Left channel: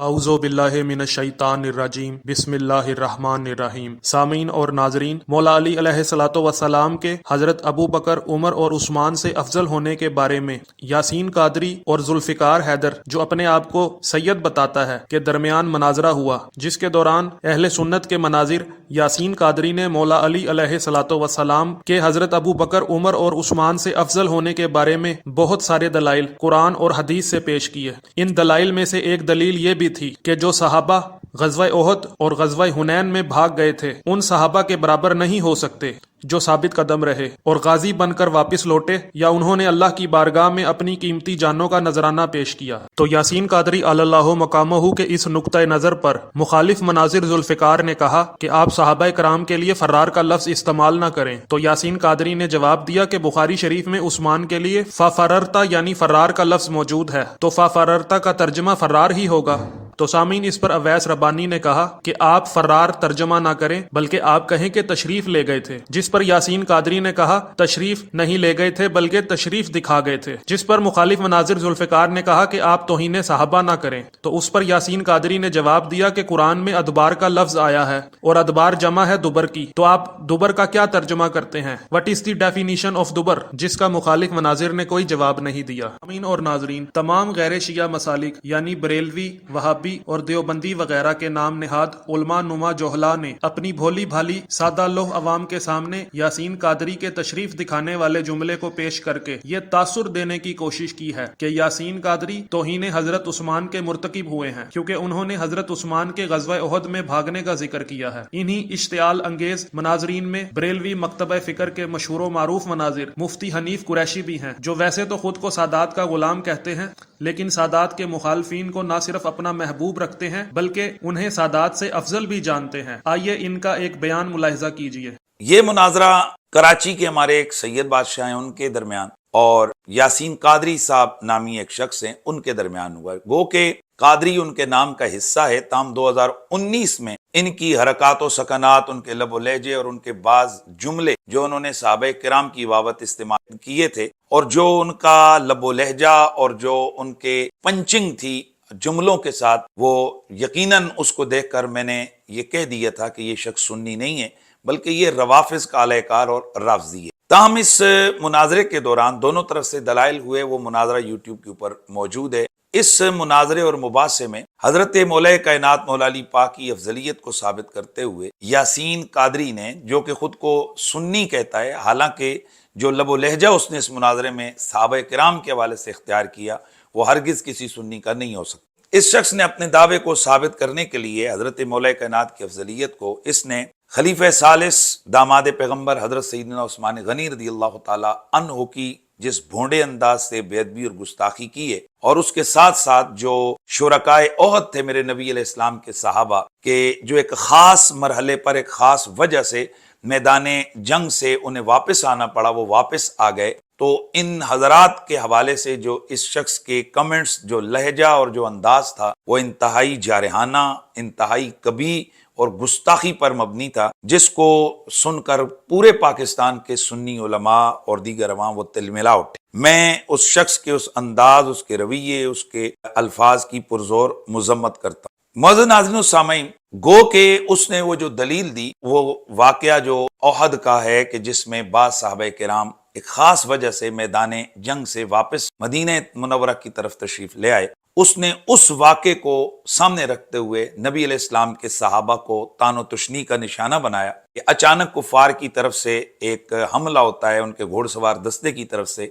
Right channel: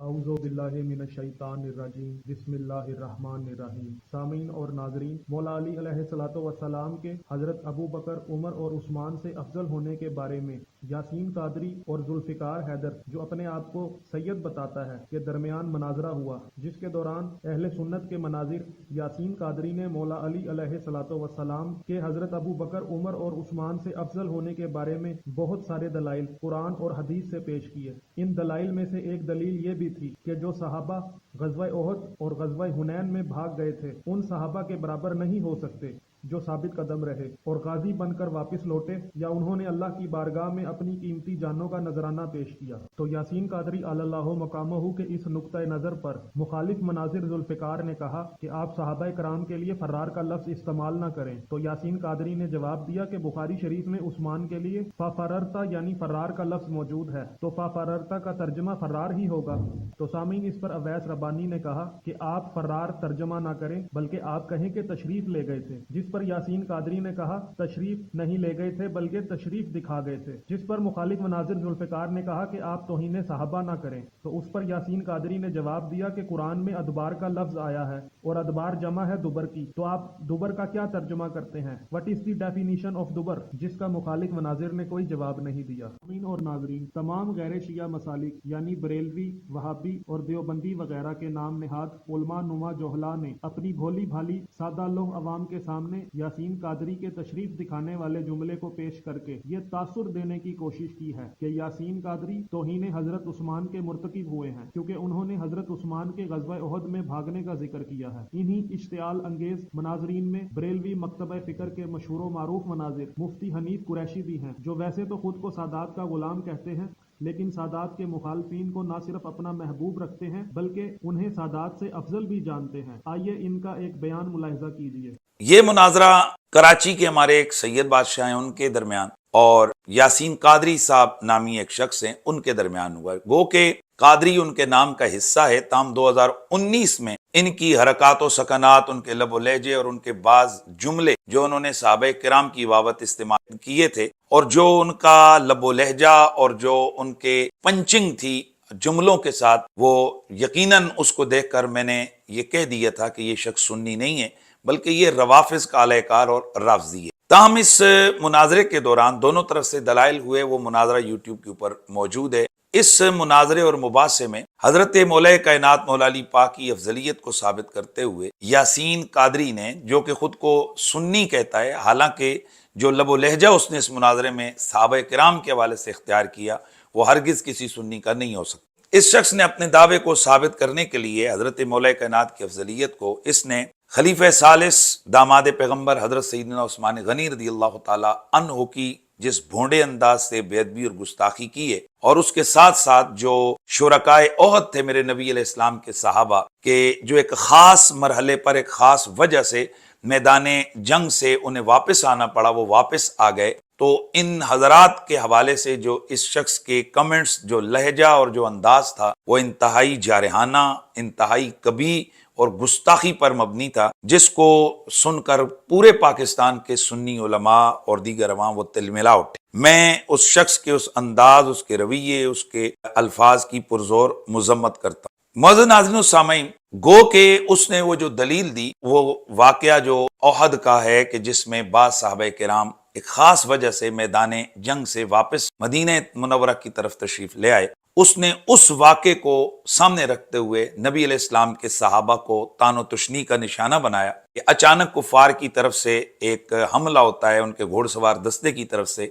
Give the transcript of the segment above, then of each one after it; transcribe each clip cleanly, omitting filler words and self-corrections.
اعوذ باللہ من الشیطان الرجیم بسم اللہ الرحمن الرحیم۔ سامعین اور ناظرین، مولا علی علیہ الصلوۃ والسلام کے حضرت ابو بکر، عمر اور عثمان سے افضل ہونے کے بارے میں یاسین قادری اور ذوالفقار حیدر، جو اپنے آپ کو سید بتاتا ہے، کے درمیان مناظرہ ہوا، جس کے دوران اہل سنت کے مناظر یاسین قادری نے مولا علی علیہ الصلوۃ والسلام کے حضرت ابو بکر، عمر اور عثمان سے افضل ہونے کے بارے میں بہت سارے دلائل قرآن اور حدیث سے پیش کیے۔ ان دلائل میں سے ایک دلیل یہ بھی تھی کہ جو صحابہ غزوہ احد اور غزوہ حنین میں بھاگ گئے تھے ان صحابہ کے برابر نہیں ہو سکتے جو ثابت قدم رہے اور غازی بن کر واپس لوٹے یا انہوں نے اللہ کی بارگاہ میں اپنی قیمتی جانوں کا نذرانہ پیش کیا۔ تو یاسین قادری علی اللہ مقامہ کے اس نقطہ نظر پر مخالف مناظر ذوالفقار نے کہا کہ آپ صحابہ کرام کے لیے فرار کا لفظ استعمال نہ کریں، تو یاسین قادری نے جواب دیا کہ بخاری شریف میں عثمان کے لیے ففررتا یعنی فرار کا لفظ موجود ہے، تو ففررتا کا ترجمہ فرار ہی ہوگا۔ تو سامعین، اس پر اویس ربانی نے کہا کہ آپ فرار ترجمہ نہ کریں بلکہ آپ کہیں کہ تشریف لے گئے تھے، جس پر یاسین قادری نے کہا تشریف نہیں لے گئے تھے بلکہ تشریف دکھا گئے تھے، جس پر مخالف مناظر ذوالفقار نے کہا کہ آپ توہین صحابہ نہ کریں۔ تو اس پر یاسین قادری نے جواب دیا کہ قرآن میں ادبار کا لفظ آیا ہے اور ادبار جمع ہے دبر کی، تو آپ دبر کا کیا ترجمہ کرتے ہیں؟ What is the definition of دبر؟ جس کا مخالف مناظر نے کوئی جواب نہیں دیا۔ امین اور ناظرین، تمام غیر شیعہ مسالک یعنی بریلوی، وہابی اور دیوبندی وغیرہ کے نام نہاد علماء نما جوہلا نے اپنی بھولی بھالی سادہ لوح عوام کے سامنے یاسین قادری کے تشریف دکھانے والے جملے کو پیش کر کے یہ تاثر دینے کی کوشش کی ہے کہ یاسین قادری توہین حضرت عثمان کے مرتکب ہوئے ہیں، کیونکہ انہوں نے حضرت عثمان کے غزوہ احد میں بھاگنے کا ذکر کیا ہے۔ انہی اشتعال انگیز مناظرین میں بریلوی مکتبہ فکر کے مشہور و معروف مناظر مفتی حنیف قریشی بھی ہیں، جو ویسے تو خود کو سادات کا غلام کہتے ہیں لیکن سادات کے مخالفین کو نہ صرف اپنا محبوب رکھتے ہیں بلکہ انہیں سادات سے افضل بھی جانتے ہیں۔ آئیے ان کا ایک بیان ملاحظہ کیجیے۔ یہ مناظرہ کراچی کے ہمارے ایک سید بادشاہ ہیں ان کے درمیان اور یاسین قادری صاحب نامی ایک شخص ہیں ان کے درمیان ہوا ہے۔ گو کہ قادری ان کے نام کا حصہ ہے، تاہم 2019 میں ان کی حرکات و سکنات، ان کے لب و لہجے اور ان کے بعض جملے جو انہوں نے صحابہ کرام کی بابت استعمال کیے تھے اور جو ان کا لب و لہجہ اور جو ان کے پنچنگ تھی جملوں کے ساتھ، وہ یقیناً اس کو دیکھ کر میں نے یہ کہہ دیا تھا کہ یہ شخص سنی نہیں ہے بلکہ یہ روافظ کا اعلی کار اور رافضی ہے۔ تاہم اس مناظرے کے دوران دونوں طرف سے دلائل ہوئے، وہ مناظرہ یوٹیوب کے اوپر موجود ہے۔ اس مناظرے اور مباحثے میں حضرت مولا کائنات مولا علی پاک کی افضلیت کو ثابت کرتے ہوئے یاسین قادری نے، جو کہ خود کو سنی کہتا ہے، حالانکہ جو لب و لہجہ اس نے اس مناظرے میں صحابہ کرام کے حوالے سے اختیار کیا وہ ہرگز کسی سنی کا نہیں ہو سکتا۔ اس شخص نے اپنے دعوے کو ثابت کرنے کے لیے حضرت مولا کائنات کی افضلیت کو اس نے خلیفہ ثالث داماد پیغمبر حضرت سیدنا عثمان غنی رضی اللہ تعالی عنہ کی جس بھونڈے انداز سے بے ادبی اور گستاخی کی ہے، اور اس کے ساتھ ساتھ جو شرکائے احد تھے میرے نبی علیہ السلام کے صحابہ کے، جو ایک خاص مرحلے پر ایک خاص وجہ سے میدان جنگ سے انہیں واپس آنا پڑا، وہ واپس آ گئے، تو ان حضرات کے حوالے سے جو اس شخص کے کمنٹس، جو لہجہ اور جو انداز تھا، وہ انتہائی جارحانہ، انتہائی کبھی اور گستاخی پر مبنی تھا، جس کو سن کر پورے پاکستان کے سنی علماء اور دیگر عوام وہ تلملا اٹھے۔ میں اس شخص کے اس انداز، اس کے رویے، اس کے الفاظ کی پرزور مذمت کرتا ہوں۔ معزز ناظرین و سامعین، گو کہ اس نے وہ جو دلیل دی وہ واقعہ جو احد کا ہے کہ جس میں بعض صحابہ کرام ایک خاص وجہ سے میدان جنگ سے واپس مدینہ منورہ کی طرف تشریف لے آئے، اس نے اس واقعے کو سامنے رکھتے ہوئے نبی علیہ السلام کے صحابہ کو تان و تشنی کا نشانہ بنایا کہ اچانک کفار کی طرف سے ایک حملہ ہوتا ہے، ان کے گھوڑ سوار دستے کی طرف سے،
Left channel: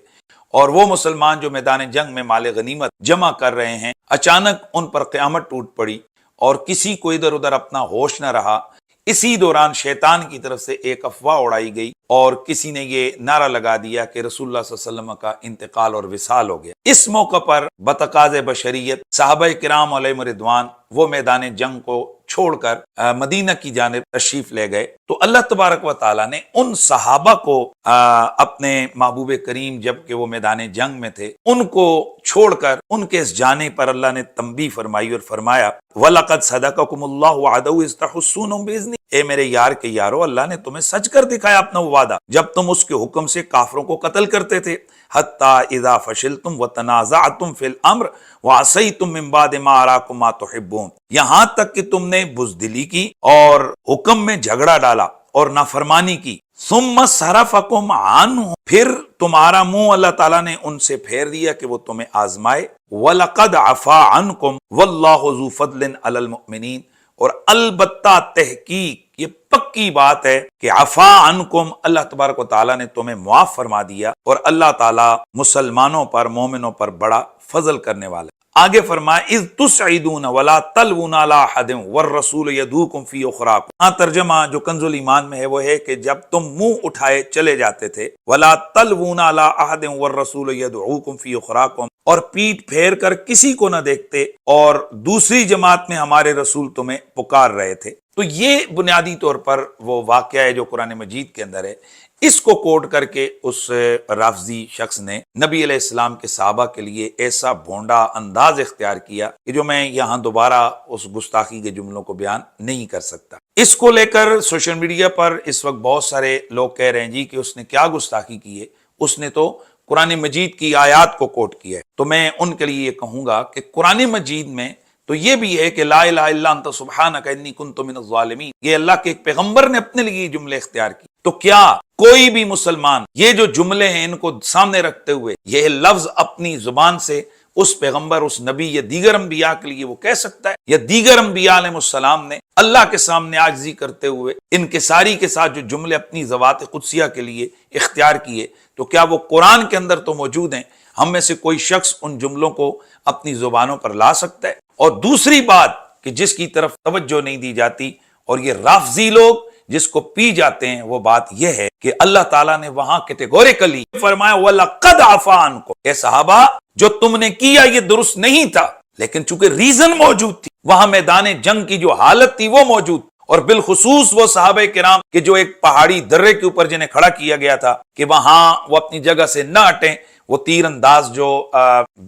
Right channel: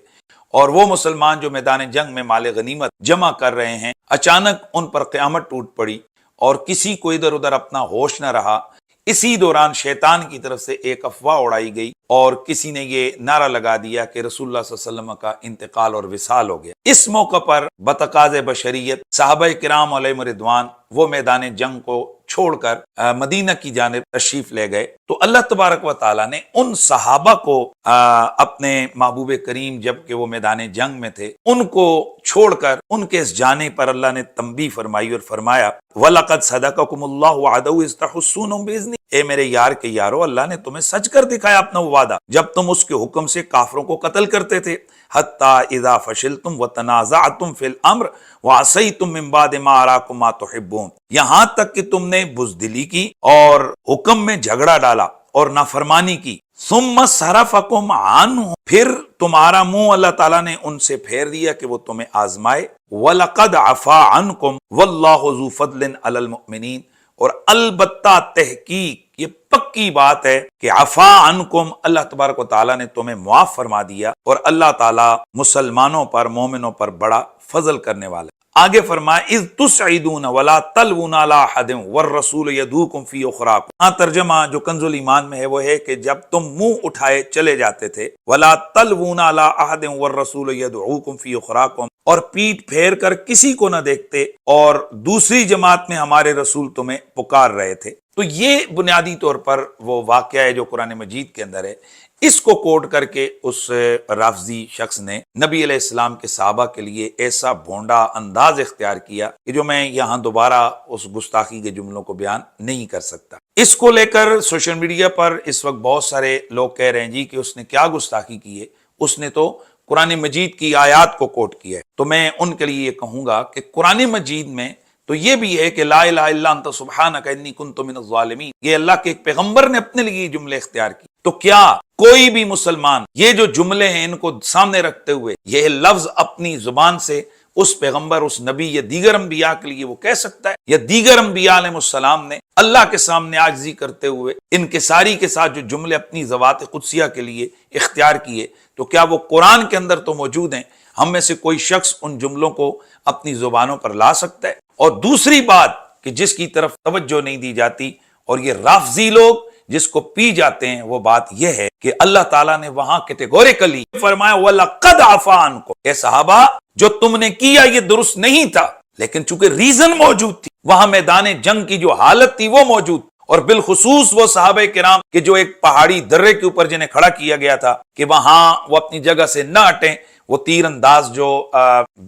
اور وہ مسلمان جو میدان جنگ میں مال غنیمت جمع کر رہے ہیں، اچانک ان پر قیامت ٹوٹ پڑی اور کسی کو ادھر ادھر اپنا ہوش نہ رہا۔ اسی دوران شیطان کی طرف سے ایک افواہ اڑائی گئی اور کسی نے یہ نعرہ لگا دیا کہ رسول اللہ صلی اللہ علیہ وسلم کا انتقال اور وصال ہو گیا۔ اس موقع پر بتقاض بشریت صحابہ کرام علیہم رضوان وہ میدان جنگ کو چھوڑ کر مدینہ کی جانب تشریف لے گئے تو اللہ تبارک و تعالیٰ نے ان صحابہ کو اپنے محبوب کریم جب کہ وہ میدان جنگ میں تھے ان کو چھوڑ کر ان کے اس جانے پر اللہ نے تنبیہ فرمائی اور فرمایا وَلَقَدْ صَدَقَكُمُ اللَّهُ وَعَدَهُ إِذْ تَحُسُّونَهُم بِإِذْنِهِ، اے میرے یار کے یارو، اللہ نے تمہیں سچ کر دکھایا اپنا وہ وعدہ جب تم اس کے حکم سے کافروں کو قتل کرتے تھے، حَتَّى إِذَا فَشِلْتُمْ وَتَنَازَعْتُمْ فِي الْأَمْرِ وَعَصَيْتُمْ مِن بَعْدِ مَا أَرَاكُمْ مَا تُحِبُّونَ، یہاں تک کہ تم نے بزدلی کی اور حکم میں جھگڑا ڈالا اور نافرمانی کی، ثُمَّ صَرَفَكُمْ عَنْهُ، پھر تمہارا منہ اللہ تعالیٰ نے ان سے پھیر دیا کہ وہ تمہیں آزمائے، وَلَقَدْ عَفَا عَنْكُمْ وَاللَّهُ ذُو فَضْلٍ عَلَى الْمُؤْمِنِينَ، اور البتہ تحقیق یہ پکی بات ہے کہ عفا عنکم، اللہ تبارک و تعالیٰ نے تمہیں معاف فرما دیا، اور اللہ تعالیٰ مسلمانوں پر مومنوں پر بڑا فضل کرنے والا ہے۔ آگے فرمایا اذ تسعدون ولا تلوون علی احد والرسول یدعوکم فی اخراکم، ہاں ترجمہ جو کنز الایمان میں ہے وہ ہے کہ جب تم منہ اٹھائے چلے جاتے تھے، ولا تلوون علی احد والرسول یدعوکم فی اخراکم، اور پیٹ پھیر کر کسی کو نہ دیکھتے اور دوسری جماعت میں ہمارے رسول تمہیں پکار رہے تھے۔ تو یہ بنیادی طور پر وہ واقعہ ہے جو قرآن مجید کے اندر ہے، اس کو کوٹ کر کے اس رافضی شخص نے نبی علیہ السلام کے صحابہ کے لیے ایسا بھونڈا انداز اختیار کیا کہ جو میں یہاں دوبارہ اس گستاخی کے جملوں کو بیان نہیں کر سکتا۔ اس کو لے کر سوشل میڈیا پر اس وقت بہت سارے لوگ کہہ رہے ہیں جی کہ اس نے کیا گستاخی کی ہے، اس نے تو قرآن مجید کی آیات کو کوٹ کیا ہے۔ تو میں ان کے لیے یہ کہوں گا کہ قرآن مجید میں تو یہ بھی ہے کہ لا الہ الا انت سبحانک انی کنت من الظالمین، یہ اللہ کے ایک پیغمبر نے اپنے لیے یہ جملے اختیار کی۔ تو کیا کوئی بھی مسلمان یہ جو جملے ہیں ان کو سامنے رکھتے ہوئے یہ لفظ اپنی زبان سے اس پیغمبر، اس نبی یا دیگر انبیاء کے لیے وہ کہہ سکتا ہے؟ یا دیگر انبیاء علیہ السلام نے اللہ کے سامنے عاجزی کرتے ہوئے انکساری کے ساتھ جو جملے اپنی ذوات قدسیہ کے لیے اختیار کیے، تو کیا وہ قرآن کے اندر تو موجود ہیں؟ ہم میں سے کوئی شخص ان جملوں کو اپنی زبانوں پر لا سکتا ہے؟ اور دوسری بات کہ جس کی طرف توجہ نہیں دی جاتی اور یہ رافضی لوگ جس کو پی جاتے ہیں، وہ بات یہ ہے کہ اللہ تعالیٰ نے وہاں کیٹیگوریکلی فرمایا وَلَقَدْ عَفَا عَنْكُمْ، اے صحابہ جو تم نے کیا یہ درست نہیں تھا، لیکن چونکہ ریزن موجود تھی، وہاں میدان جنگ کی جو حالت تھی وہ موجود، اور بالخصوص وہ صحابہ کرام کہ جو ایک پہاڑی درے کے اوپر جنہیں کھڑا کیا گیا تھا کہ وہاں وہ اپنی جگہ سے نہ ہٹیں، وہ تیر انداز جو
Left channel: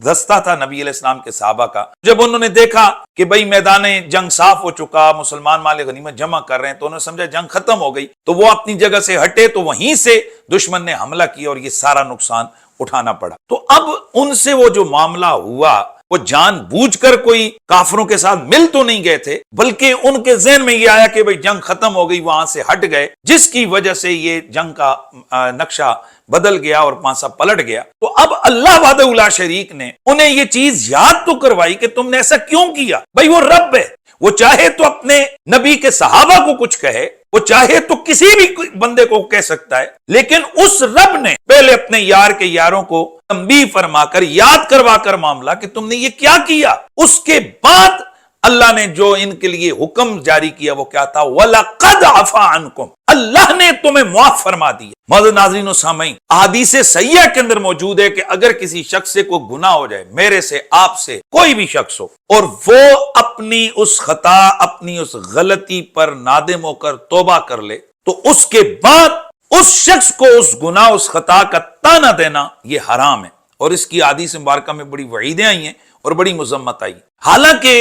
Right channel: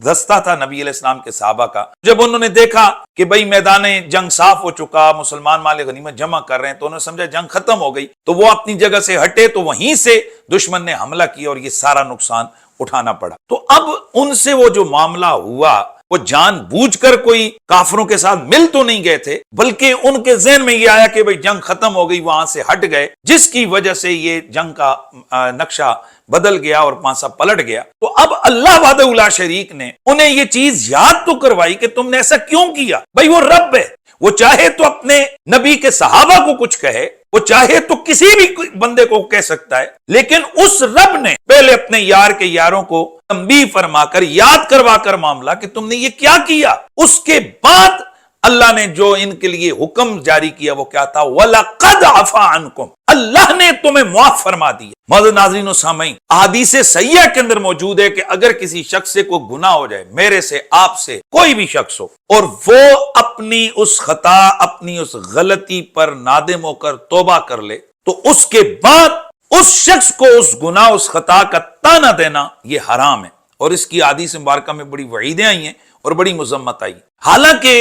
دستہ تھا نبی علیہ السلام کے صحابہ کا، جب انہوں نے دیکھا کہ بھئی میدان جنگ صاف ہو چکا، مسلمان مال غنیمت جمع کر رہے ہیں، تو انہوں نے سمجھا جنگ ختم ہو گئی، تو وہ اپنی جگہ سے ہٹے، تو وہیں سے دشمن نے حملہ کیا اور یہ سارا نقصان اٹھانا پڑا۔ تو اب ان سے وہ جو معاملہ ہوا، وہ جان بوجھ کر کوئی کافروں کے ساتھ مل تو نہیں گئے تھے، بلکہ ان کے ذہن میں یہ آیا کہ بھئی جنگ ختم ہو گئی، وہاں سے ہٹ گئے، جس کی وجہ سے یہ جنگ کا نقشہ بدل گیا اور پانسا پلٹ گیا۔ تو اب اللہ وحدہ لا شریک نے انہیں یہ چیز یاد تو کروائی کہ تم نے ایسا کیوں کیا؟ بھئی وہ رب ہے، وہ چاہے تو اپنے نبی کے صحابہ کو کچھ کہے، وہ چاہے تو کسی بھی بندے کو کہہ سکتا ہے، لیکن اس رب نے پہلے اپنے یار کے یاروں کو تنبیہ فرما کر یاد کروا کر معاملہ کہ تم نے یہ کیا کیا، اس کے بعد اللہ نے جو ان کے لیے حکم جاری کیا وہ کیا تھا؟ وَلَقَدْ عَفَا عَنْكُمْ، اللہ نے تمہیں معاف فرما دیا۔ معزز ناظرین و سامعین، احادیث صحیحہ کے اندر موجود ہے کہ اگر کسی شخص سے کوئی گناہ ہو جائے، میرے سے، آپ سے، کوئی بھی شخص ہو، اور وہ اپنی اس خطا، اپنی اس غلطی پر نادم ہو کر توبہ کر لے، تو اس کے بعد اس شخص کو اس گناہ، اس خطا کا طعنہ دینا یہ حرام ہے، اور اس کی احادیث مبارکہ میں بڑی وعیدیں آئی ہیں اور بڑی مذمت آئی۔ حالانکہ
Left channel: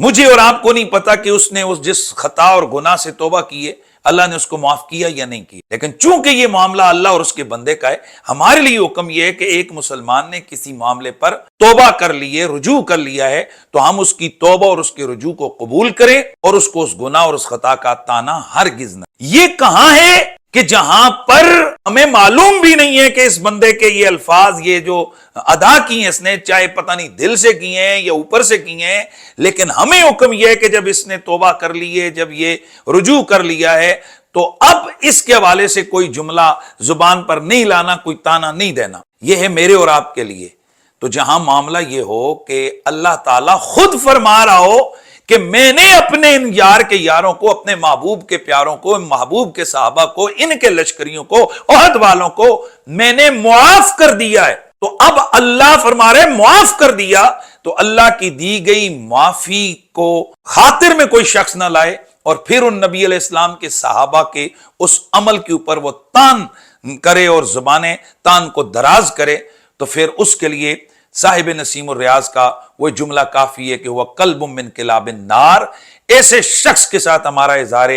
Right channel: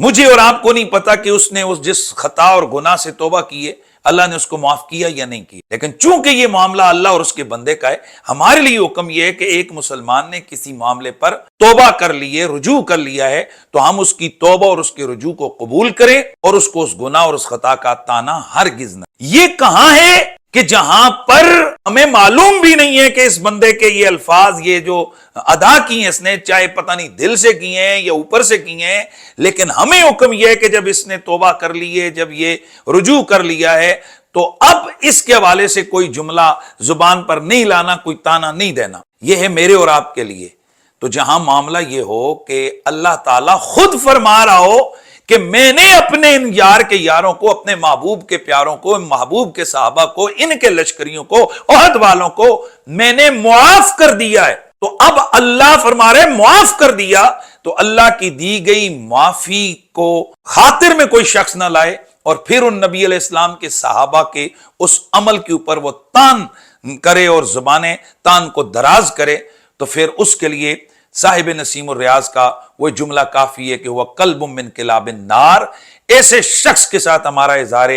مجھے اور آپ کو نہیں پتا کہ اس نے اس جس خطا اور گناہ سے توبہ کی ہے اللہ نے اس کو معاف کیا یا نہیں کیا، لیکن چونکہ یہ معاملہ اللہ اور اس کے بندے کا ہے، ہمارے لیے حکم یہ ہے کہ ایک مسلمان نے کسی معاملے پر توبہ کر لی ہے، رجوع کر لیا ہے، تو ہم اس کی توبہ اور اس کے رجوع کو قبول کریں اور اس کو اس گناہ اور اس خطا کا طعنہ ہرگز نہ۔ یہ کہاں ہے کہ جہاں پر ہمیں معلوم بھی نہیں ہے کہ اس بندے کے یہ الفاظ، یہ جو ادا کی ہیں اس نے، چاہے پتہ نہیں دل سے کیے ہیں یا اوپر سے کیے ہیں، لیکن ہمیں حکم یہ ہے کہ جب اس نے توبہ کر لی ہے، جب یہ رجوع کر لیا ہے، تو اب اس کے حوالے سے کوئی جملہ زبان پر نہیں لانا، کوئی طعنہ نہیں دینا۔ یہ ہے میرے اور آپ کے لیے۔ تو جہاں معاملہ یہ ہو کہ اللہ تعالیٰ خود فرما رہا ہو کہ میں نے اپنے ان یار کے یاروں کو، اپنے محبوب کے پیاروں کو، محبوب کے صحابہ کو، ان کے لشکریوں کو، عہد والوں کو میں نے معاف کر دیا ہے، تو اب اللہ فرما رہے معاف کر دیا، تو اللہ کی دی گئی معافی کو خاطر میں کوئی شخص نہ لائے اور پھر ان نبی علیہ السلام کے صحابہ کے اس عمل کے اوپر وہ تان کرے اور زبانیں تان کو دراز کرے، تو پھر اس کے لیے صاحب نسیم الریاض کا وہ جملہ کافی ہے کہ وہ قلب من کلاب النار، ایسے شخص کے ساتھ ہمارا اظہار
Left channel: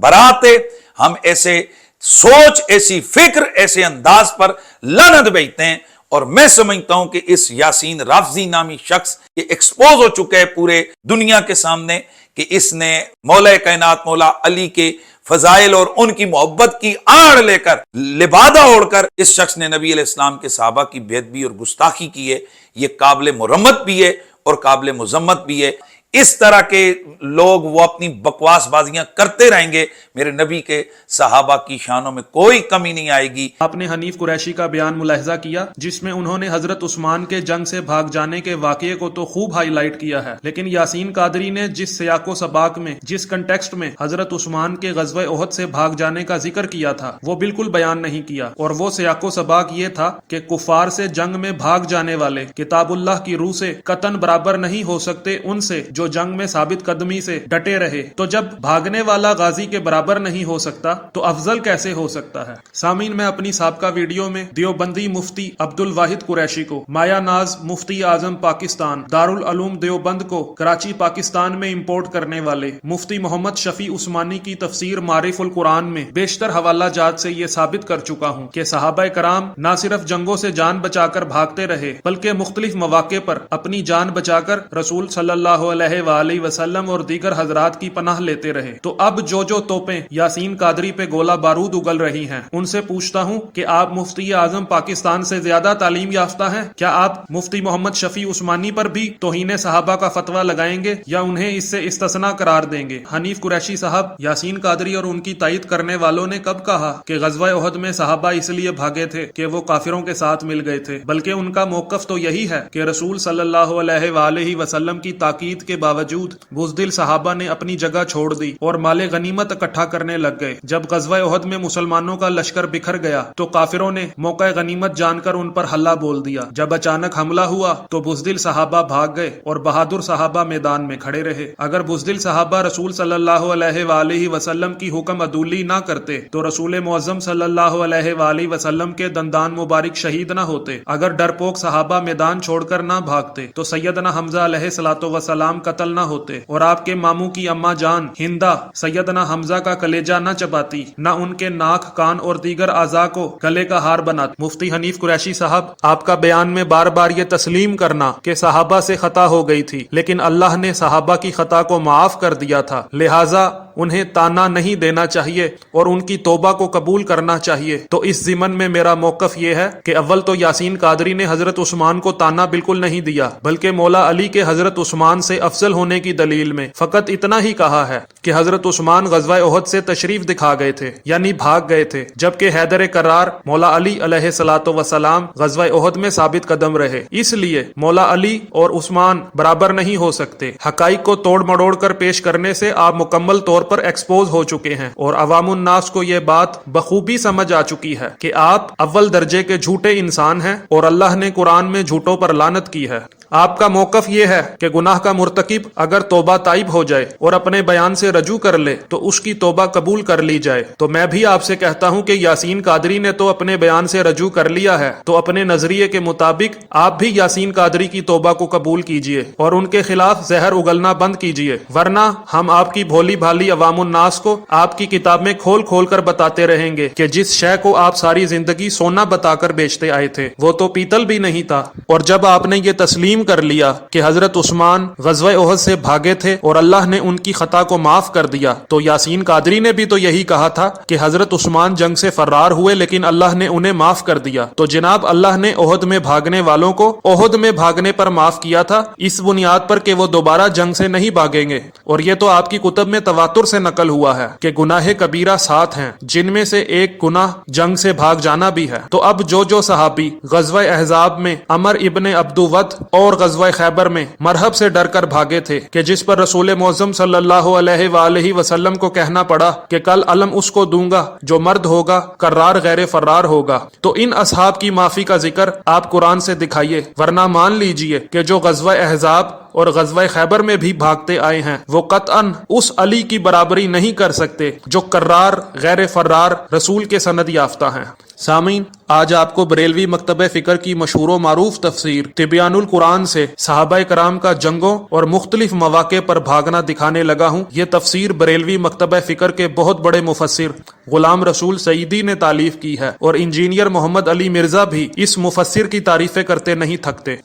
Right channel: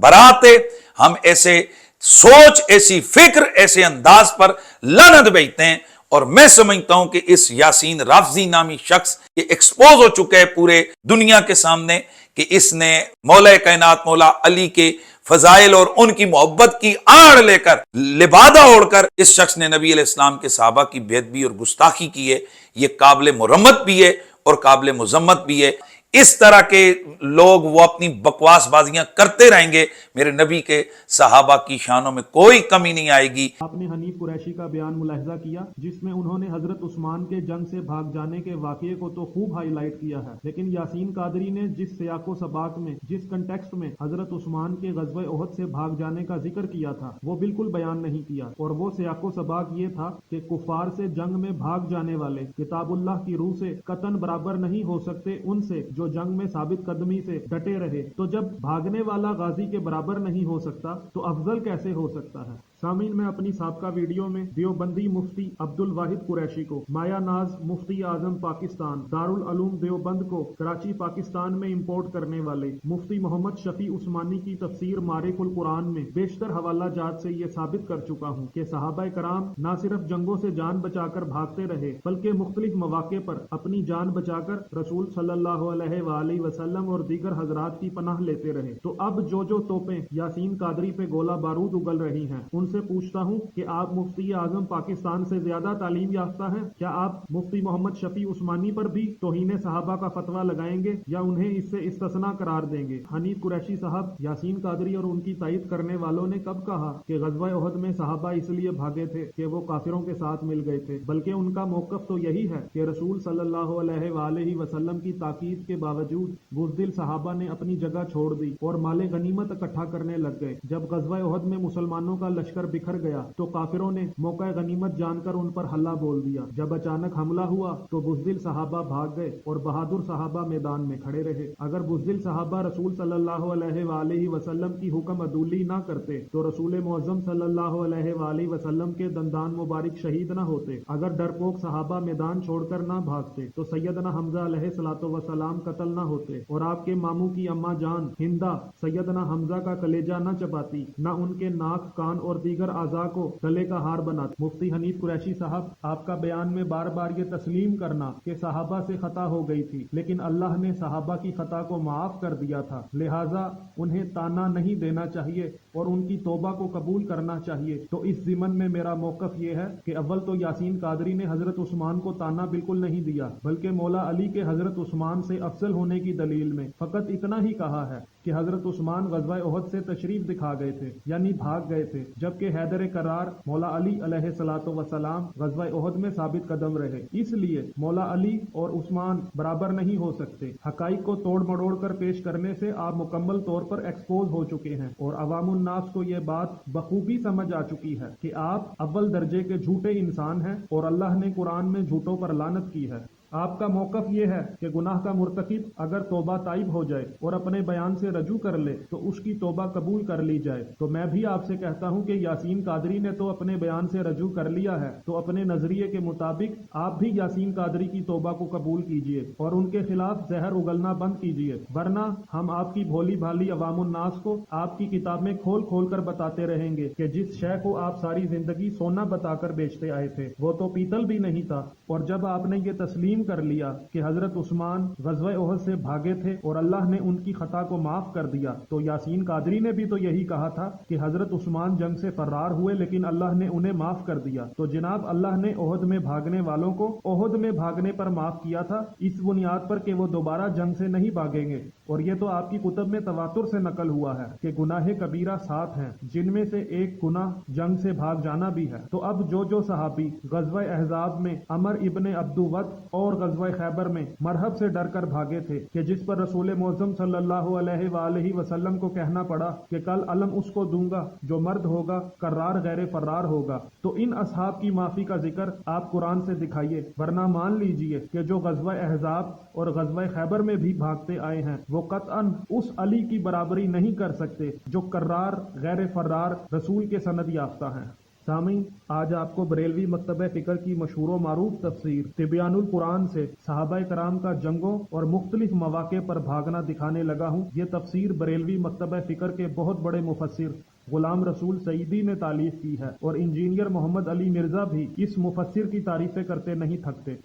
برات ہے، ہم ایسے سوچ، ایسی فکر، ایسے انداز پر لعنت بھیجتے ہیں۔ اور میں سمجھتا ہوں کہ اس یاسین رافضی نامی شخص یہ ایکسپوز ہو چکا ہے پورے دنیا کے سامنے کہ اس نے مولا کائنات مولا علی کے فضائل اور ان کی محبت کی آڑ لے کر، لبادہ اوڑھ کر اس شخص نے نبی علیہ السلام کے صحابہ کی بے ادبی اور گستاخی کی ہے۔ یہ قابل مرمت بھی ہے اور قابل مذمت بھی ہے۔ اس طرح کے لوگ وہ اپنی بکواس بازیاں کرتے رہیں گے، میرے نبی کے صحابہ کی شانوں میں کوئی کمی نہیں آئے گی۔ آپ نے حنیف قریشی کا بیان ملاحظہ کیا جس میں انہوں نے حضرت عثمان کے جنگ سے بھاگ جانے کے واقعے کو تو خوب ہائی لائٹ کیا ہے، لیکن یاسین قادری نے جس سیاق و سباق میں، جس کنٹیکسٹ میں حضرت عثمان کے غزوہ احد سے بھاگ جانے کا ذکر کیا تھا وہ بالکل بیان نہیں کیا، اور وہ سیاق و سباق یہ تھا کہ کفار سے جنگ میں بھاگ جانے والے کتاب اللہ کی روح سے قطعاً برابر نہیں ہو سکتے ان سے جو جنگ میں ثابت قدمی سے ڈٹے رہے۔ تو جب بھاگنے والا غازی کے برابر نہیں ہو سکتا تو افضل کیسے ہو سکتا ہے؟ سامعین، میں اپنی سابقہ ویڈیو میں دیوبندی مفتی عبد الواحد قریشی کو، مایا ناز مفتی اعظم پاکستان، دارالعلوم دیوبند کو کراچی پاکستان میں امپورٹ کرنے والے مفتی محمد شفیع عثمانی کی تفسیر معارف القرآن میں بیشتر حوالہ جات سے یہ ثابت کر چکا ہوں کہ صحابہ کرام نہ صرف جنگوں سے جان بچا کر بھاگتے رہے بلکہ مختلف مواقع پر اپنی جان بچا کر رسول صلی اللہ علیہ وآلہ وسلم اور دیگر حضرات کی پناہ لیتے رہے۔ تو اب جو توپیں یاسین قادری پہ گولہ بارود اگل رہی ہیں ان سے پوچھتا ہوں کہ آپ مفتی اعظم پاکستان سے زیادہ تعلیم یافتہ ہیں؟ کیا آپ مفتی محمد شفیع عثمانی پر بھی توہین صحابہ کا فتویٰ لگائیں گے یا انہیں اس سے استثناء قرار دیں گے؟ حنیف قریشی صاحب، یاسین قادری اور ان کی تائید کرنے والوں نے کب کہا کہ غزوہ احد میں صحابہ اس لیے بھاگے تھے کہ وہ کافروں کے ساتھ مل گئے تھے؟ بلکہ ان کا موقف تو یہی ہے کہ رسول صلی اللہ علیہ وآلہ وسلم کی تاکید کے باوجود بزدل صحابہ نے اپنی جگہ چھوڑ دی اور مال غنیمت اکٹھا کرنے لگ گئے۔ جب غزوہ احد میں مسلمانوں کا لشکر بکھر گیا تو کافروں نے موقع غنیمت جان کر ان پر حملہ بول دیا۔ جب اچانک حملہ ہوا تو بزدل صحابہ بھاگ گئے اور بہادر صحابہ میدان میں کھڑے رہے۔ اگر بزدل صحابہ رسول صلی اللہ علیہ وآلہ وسلم کی حکم عدولی نہ کرتے تو رسول معظم صلی اللہ علیہ وآلہ وسلم کے دندان مبارک شہید نہ ہوتے۔ اگر ڈرپوک صحابہ میدان چھوڑ کر نہ بھاگتے تو سیدنا حمزہ علیہ الصلوۃ والسلام قتل نہ ہوتے اور آپ کے ماموں کی اماں جان ہندہ سیدنا حمزہ کا کلیجہ نہ چباتی، نہ ان کے ناک، کان اور دیگر اعضاء کو گلے کا ہار بناتی۔ مفتی حنیف قریشی صاحب، آپ کا بیان میں بار بار یہ تسلیم کرنا کہ صحابہ سے خطا ہو گئی تھی لیکن اللہ نے صحابہ کی خطا کو معاف کر دیا تھا، لہٰذا انہیں تانا نہیں دینا چاہیے اور ان کی توبہ کو قبول کرنا چاہیے، تو اس ضمن میں میرا موقف یہ ہے کہ اول تو یاسین قادری نے حضرت عثمان کو تانا بالکل نہیں دیا بلکہ مولا علی کے حضرت عثمان سے افضل ہونے کی دلیل میں فقط اتنا ہی کہا ہے کہ حضرت عثمان غزوہ احد سے تشریف دکھا گئے تھے، یعنی بھاگ گئے تھے، جبکہ حیدر کرار مولا علی علیہ الصلوۃ والسلام غزوہ احد میں ثابت قدم رہے۔ اس لیے مولا علی اور عثمان برابر نہیں ہو سکتے۔ حقائق کو توڑ مڑوڑ کر پیش کرنے سے آپ مکمل طور پر ایکسپوز ہو چکے ہیں اور عوام الناس کو یہ بات بخوبی سمجھ آ چکی ہے کہ آپ اول درجے کے جھوٹے انسان ہیں اور اللہ نے قرآن میں جھوٹوں پر لعنت کی ہے۔ آپ کا موقف یہ ہے کہ گناہ کا مرتکب اگر توبہ تائب ہو جائے اور اپنے بیان سے رجوع کر لے تو اس کی توبہ قبول کر لی جائے۔ تو میں بھی آپ سے کہتا ہوں کہ یاسین قادری نے تو اپنے بیان سے رجوع کر لیا ہے، تو اپنے نظریے کے مطابق آپ بھی یاسین قادری کی توبہ کو قبول کیجئے اور ان کے خلاف زہر اگلنا بند کیجئے، ورنہ ہم آپ کی بھولی بھالی عوام الناس کو آپ کی کتاب میں کھول کھول کر بتاتے رہیں گے کہ جس شے کو آپ ساری زندگی سونا بتا کر بیچتے آئے تھے وہ تو پیتل بھی نہیں تھا۔ اور جب آپ نے یہ تسلیم کر لیا کہ حضرت عثمان غزوہ احد سے بھاگے تھے اور اللہ نے ان کی خطا کو معاف کر دیا، تو یاسین قادری نے بھی تو یہی کہا تھا کہ حضرت عثمان جنگ سے فرار ہوئے لیکن اللہ نے انہیں معاف کر دیا۔ تو جناب اللہ نے احد میں بھاگنے والوں کو احد میں بھاگنے پر معاف کیا تھا، اس بنیاد پر کہ وہ دوبارہ جنگ سے نہیں بھاگیں گے، اور یہ تو آپ کی کتب میں تواتر سے نقل ہوا ہے کہ گناہ کبیرہ 7 ہیں جن میں سے ایک گناہ جنگ سے بھاگ جانا بھی ہے۔ تو اب جو صحابی غزوہ احزاب میں عمر ابن عبد ود اور اور غزوہ خیبر میں مرحب سے ڈر کر بھاگے تھے کہ جس پر رسول معظم صلی اللہ علیہ وآلہ وسلم کو کہنا پڑا کہ کل علم اس کو دوں گا جو مرد ہوگا، کرار غیر فرار ہوگا۔ تو ان اصحاب کی معافی کا ذکر آپ قرآن سے دکھائیے، ورنہ مان لیجئے کہ جو غزوہ احزاب اور غزوہ خیبر میں بھی بھاگتے آئے ہیں وہ قطعاً اس علی کی برابری نہیں کر سکتے جو کرار غیر فرار رسول کے سند یافتہ ہیں۔ سامعین، آج آپ کو بریلوی مکتبہ فکر کی مشہور و معروف تفسیر تبیان القرآن سے صحابہ کرام کا جنگوں اور مختلف مواقع پر بھاگنا دکھانے لگا ہوں۔ یہ تفسیر بریلوی مکتبہ فکر کے بہت بڑے مفسر غلام رسول سعیدی نے تالیف کی ہے، اور انجینئر محمد علی مرزا بھی اس مفسر کی تعریفیں کرتے نہیں تھکتے۔